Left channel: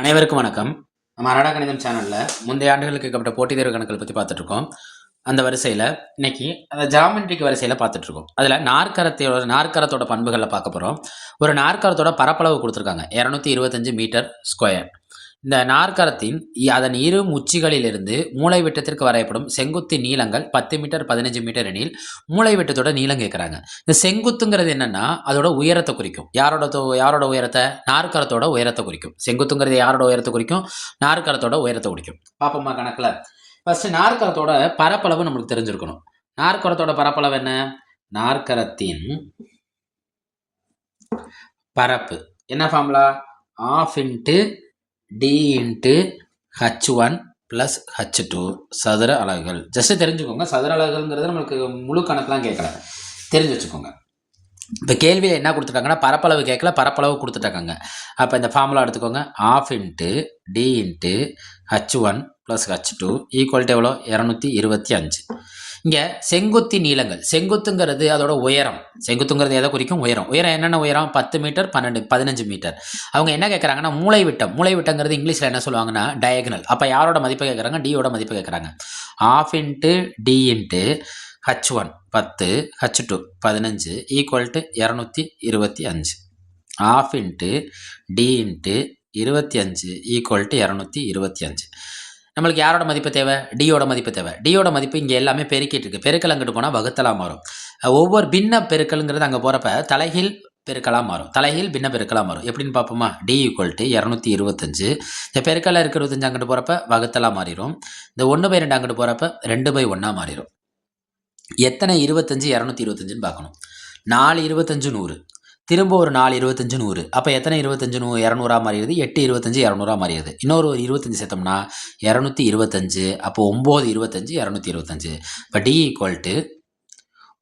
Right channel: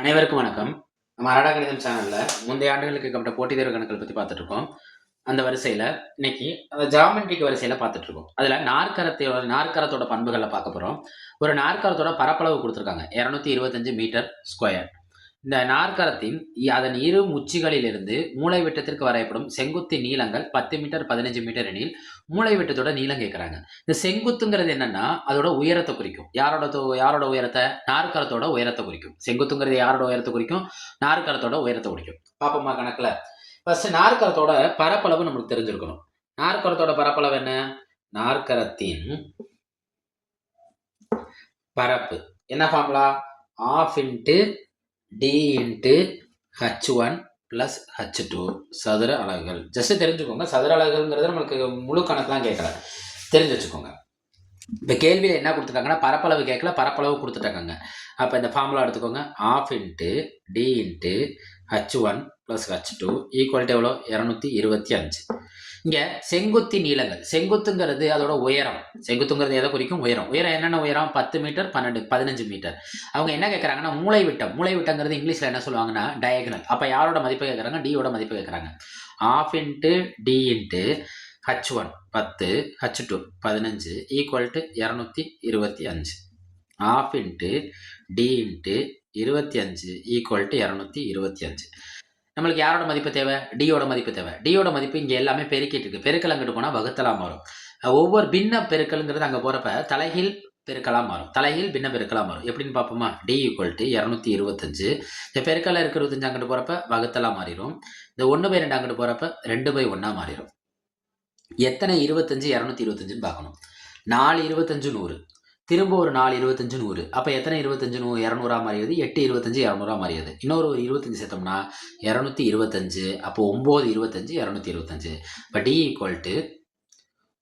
அனைவருக்கும் வணக்கம். நம்ம அரடா கணிதம் சேனல்ல முந்தைய ஆண்டுகளுக்கு கேட்கப்பட்ட போட்டித் தேர்வு கணக்குகள் பத்தி பார்த்துட்டு இருக்கோம். அந்த வரிசையில இன்னைக்கு அந்த ஜியாமெட்ரிக் வரிசையில பார்த்துட்டு இருக்கோம். அதுல நாற்கரத்தோட பண்புகள பார்க்க போறோம். ஒரு நாற்கரத்தோட பரப்பளவு குடுத்திருக்காங்க. 225 மீட்டர் ஸ்கொயர். இந்த நாற்கரத்தின் அதன் இரு உச்சிகளிலிருந்து மூலைவிட்டத்திற்கு வரையப்படும் செங்குத்து நீளங்கள் 10 மீட்டர், 15 மீட்டர் எனில், மூலைவிட்டத்தோட நீளம் கேட்குறாங்க. இந்த செங்குத்துங்கிறது என்னன்னா, அதோட உயரத்த குறிக்கும். யாரோட உயரத்த? நாற்கரத்தோட உயரத்த குறிக்கும். செங்குத்துங்கிறது யாரோட உயரத்த குறிக்கும்? நாற்கரத்தோட உயரத்த குறிக்கும். பார்ப்போமா கணக்குல? ஃபர்ஸ்ட் நாற்கரத்தோட பரப்பளவு நம்மளுக்கு தெரிஞ்சிருக்கணும். நாற்கரத்தோட பரப்பளவு என்ன? நாற்கரத்தின் பரப்பு என்ன formula? ½ into d into h1 plus h2 சதுர அலகுகள். ஜஸ்ட் தெரிஞ்சுக்கோங்க, சதுர அலகுங்கிறது நம்மளுக்கு முழு கணக்கெலாம் கேட்கல, தெரிஞ்சு வச்சுக்கோங்க. இப்போ கேள்வியில் என்ன கொடுத்துருக்காங்கன்னா பரப்பளவு கேட்கல, பரப்பளவு கொடுத்துட்டாங்க. அப்போ இந்த ஃபார்முலா எடுத்துக்கோங்க. ½ into d into h1 plus h2 equal to எவ்வளோ? 225. இங்கே செங்குத்தி நீளங்கள், செங்குத்துங்கிறது அதோட உயரம். செங்குத்துங்கிறது எதை குறிக்கும்? உயரம். உயரம் என்னென்ன உயரம்? 10 மீட்டர், 15 மீட்டர். அவங்க என்ன கேட்குறாங்கன்னா மூலைவிட்டங்கிறது இங்கிலீஷில் என்ன சொல்லுவாங்கன்னா டயகனல். அப்போ யாரோட மதிப்பு கேட்குறாங்க? டியோட மதிப்பு கேட்குறாங்க. ½ into t into h1 10, h2 15 equal to 225. ½ into t into 25 equal to 225. நம்மளுக்கு யாரோட மதிப்பு தேவை? டியோட மதிப்பு தேவை. டியோட மதிப்பு இங்கே எல்லாமே பெருக்கிட்டு இருக்கு. பெருக்கல் அங்கிட்டு போனால் வகுத்தலாக மாறும். ஒவ்வொரு பின்ன பெருக்கல்ங்கிறது அங்கே போகிறப்ப தலைகீழ் பெருக்கலாக மாறும். தலைகீழ் பின்ன பெருக்கலாக மாறும். எப்படின்னு பார்ப்போமா? T equal to 225. இந்த பெருக்கல்ல இருக்க 25 அங்கிட்டு போகிறப்ப வகுத்தலாக மாறிடும். இந்த 1/2 அங்கிட்டு போகிறப்ப 2/1 மாறிடும். எத்தனை 25 225ன்னு பார்க்கணும். 4 25 100. திரும்ப ஒரு 4 25 100. அப்போ எத்தனை 25 200 மாறிடுது? 8 25 200 மாறிடுது. இன்னொரு 25 சேர்த்தோம்னா 225. அப்போ 9 25 225. இப்போ டி ஈக்குவல் டு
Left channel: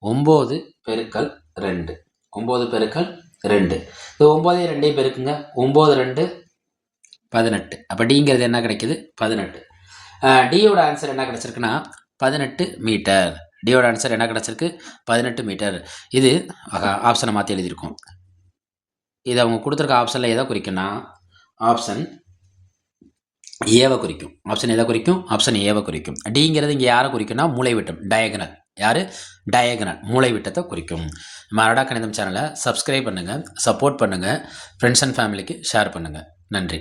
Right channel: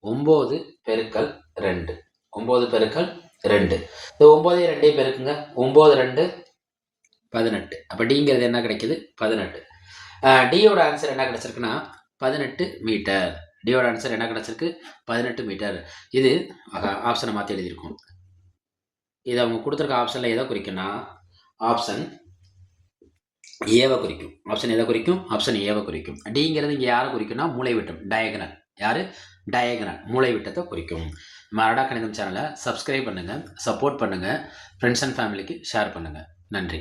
9 பெருக்கல் 2. 9 பெருக்கல் 2. இது 9 2 பெருக்குங்க. 9 2 18. அப்போ டிங்கிறது என்ன கிடைக்குது? 18. டியோட ஆன்சர் என்ன கிடைச்சிருக்குன்னா 18 மீட்டர். டியோட ஆன்சர் என்ன கிடச்சிருக்கு? 18 மீட்டர். இது ஆப்ஷனை மாற்றி எழுதியிருக்கோம். இது அவங்க கொடுத்துருக்க ஆப்ஷனில் எதை குறிக்குன்னா ஆப்ஷன் ஏவை குறிக்கும். ஆப்ஷன் எதை குறிக்கும்? ஆப்ஷன் ஏவை குறிக்கும். டிங்கிறது இங்கே யாரை குறிக்கும்னா மூலைவிட்டம், டயகனல். யார்? டயகனல், மூலைவிட்டத்தை குறிக்கும். நம்ம அரடா கணிதம் சேனலை சப்ஸ்கிரைப் பண்ணுங்கள், சப்போர்ட் பண்ணுங்கள், ஃப்ரெண்ட்ஸ் அண்ட் ஃபேமிலிக்கு ஷேர் பண்ணுங்கள். நன்றி.